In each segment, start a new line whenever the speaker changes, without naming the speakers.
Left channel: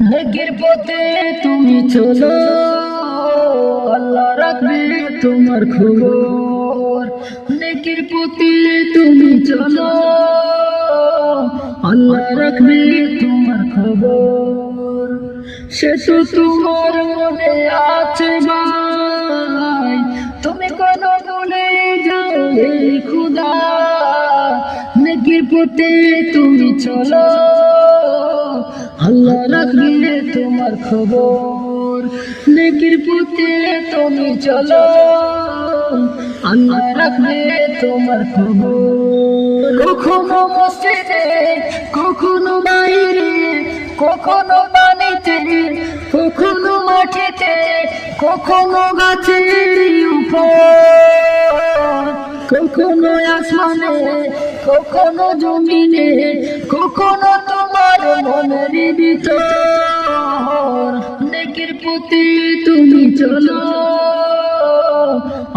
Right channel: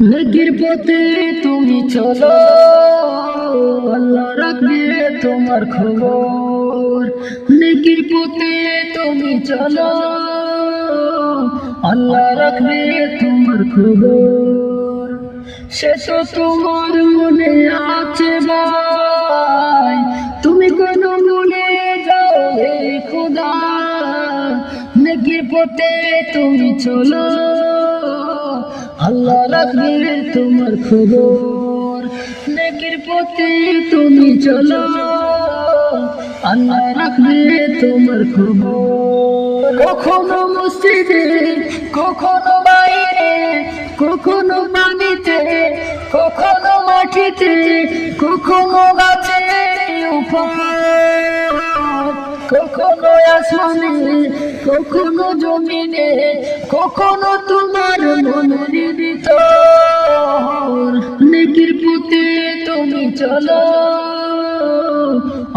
নেকির পথে তুমি চলো, আল্লাহ রাখবে তোমার খবর। নেকির পথে তুমি চলো, আল্লাহ রাখবে তোমার খবর। সে তো তোমার মনে আছে ভাই, তুমি কোন মনে যাও খুদা। নেকির পথে তুমি চলো আল্লাহ রাখবে তোমার খবর। নেকির পথে তুমি চলো, আল্লাহ রাখবে তোমার খবর। কখনো মসজিদে, কখনো বাইরে, কখনো পানিতে, কখনো মাটিতে, কখনো গাছের উপর। কখনো আসমানে, কখনো জমিনে, কখনো তোমার মনের ভিতর। নেকির পুঁতে তুমি চলো,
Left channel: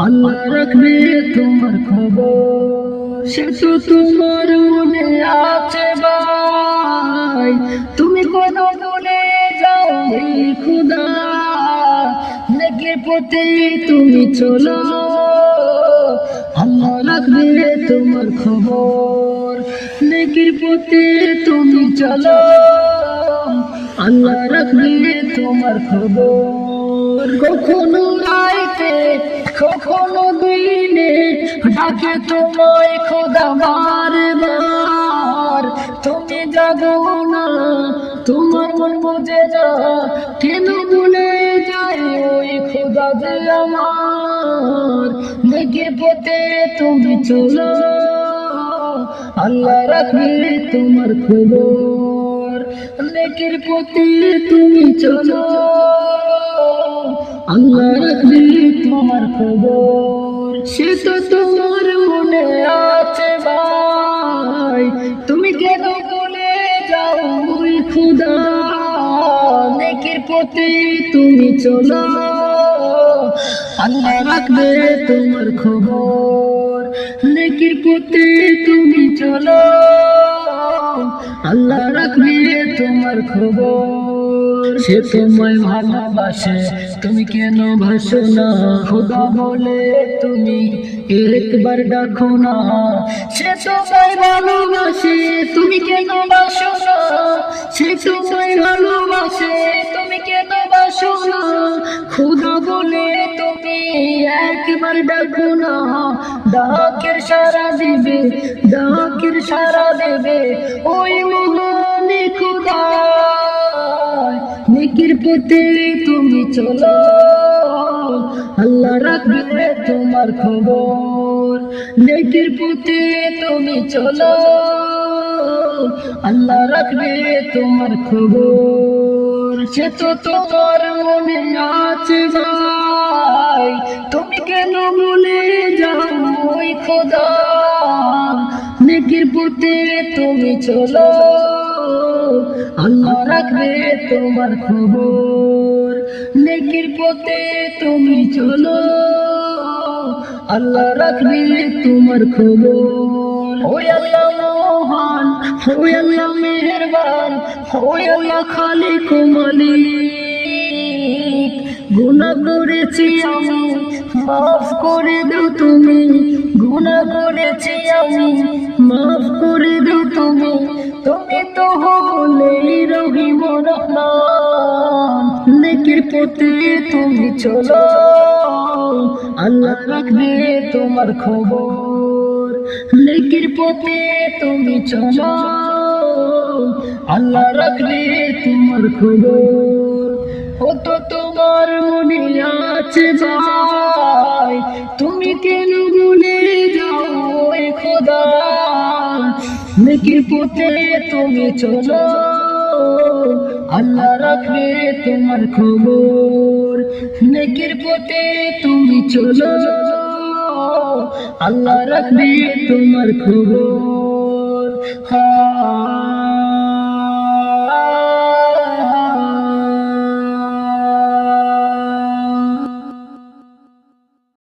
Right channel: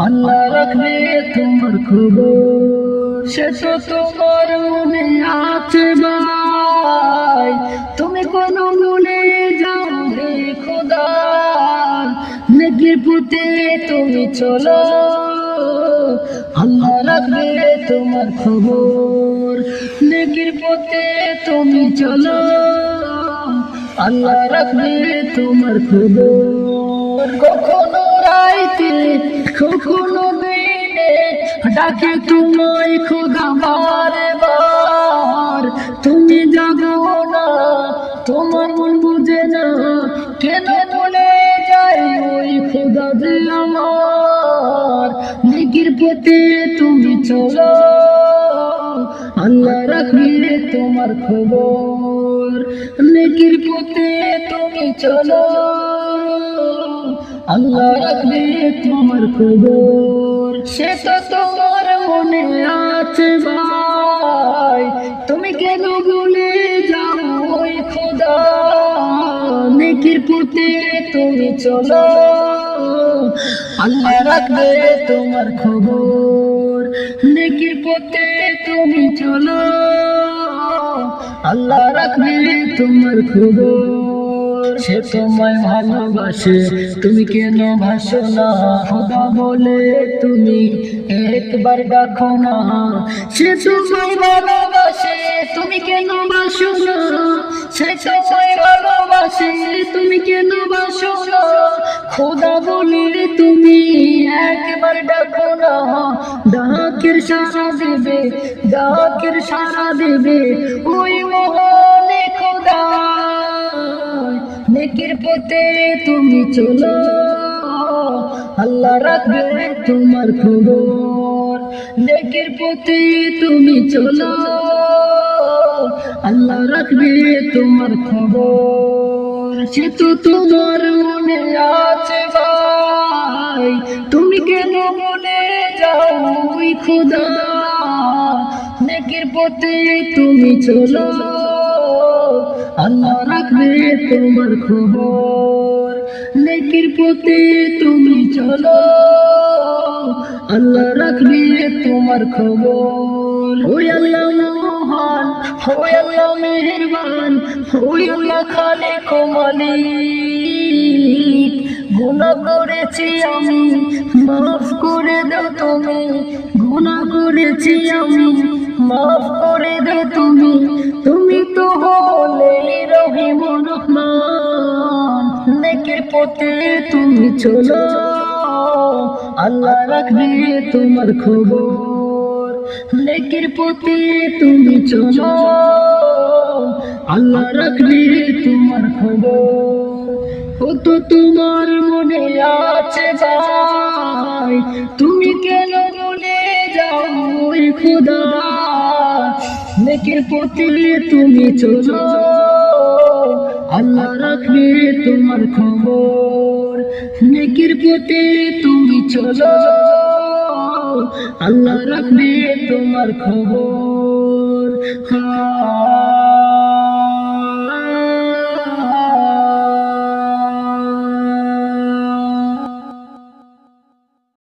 আল্লাহ রাখবে তোমার খবর। সে তো তোমার মনে আছে ভাই, তুমি কোন মনে যাও খুদা। নেকির পুঁতে তুমি চলো। রাখবে তোমার খবর। নেকির পথে তুমি চলো, আল্লাহ রাখবে তোমার খবর। কখনো রাইতে, কখনো দিনে ডাকে তোমায় খোদা যে আমার। নেকির পথে তুমি চলো, আল্লাহ রাখবে তোমার খবর। নেকির পথে তুমি চলো, আল্লাহ রাখবে তোমার খবর। সে তো তোমার মনে আছে ভাই, তুমি কেন বলে যাও ওই খুদা? নেকির পথে তুমি চলো। আল্লাহ রাখবে তোমার খবর। নেকির পথে তুমি চলো। আল্লাহ রাখবে তোমার খবর। সে তোমায় ভালোবাসে, তুমি কেন ভাসো না? খোদা বলে তুমি একবার ডাকো না। সে তোমায় ভালোবাসে, তুমি কেন বাসো না? সে তোমায় ভালোবাসে তুমি কেন বাসো না? খোদা বলে তুমি একবার ডাকো না। ডাকের সারা দেবে, ডাকের সারা দেবে ওই মহানে খুদা নেকির পথে তুমি চলো। আল্লাহ রাখবে তোমার খবর। নেকির পথে তুমি চলো। আল্লাহ রাখবে তোমার খবর। সে তো তোমার মনে আছে ভাই। তুমি কেন মনে যাও ওই খোদা? নেকির পথে তুমি চলো। আল্লাহ রাখবে তোমার খবর। নেকির পথে তুমি চলো। আল্লাহ রাখবে তোমার খবর। ওই আল্লাহ মহান ওই আল্লাহ মেহরবান, ওই আল্লাহ খালিক ও মালিক। গুনাহ করেছি আমি, মাফ করে দাও তুমি। গুনাহ করেছি আমি, মাফ করে দাও তুমি। তুমি তো হলে রহিম রহমান। নেকের পথে তুমি চলো। আল্লাহ রাখবে তোমার খবর। নেকের পথে তুমি চলো। আল্লাহ রাখবে তোমার খবর। ও তো তোমার মনে আছে ভাই। তুমি কেন ভুলে যাও খোদা? নেকির পথে তুমি চলো। আল্লাহ রাখবে তোমার খবর। নেকির পথে তুমি চলো। আল্লাহ রাখবে তোমার খবর। হ্যাঁ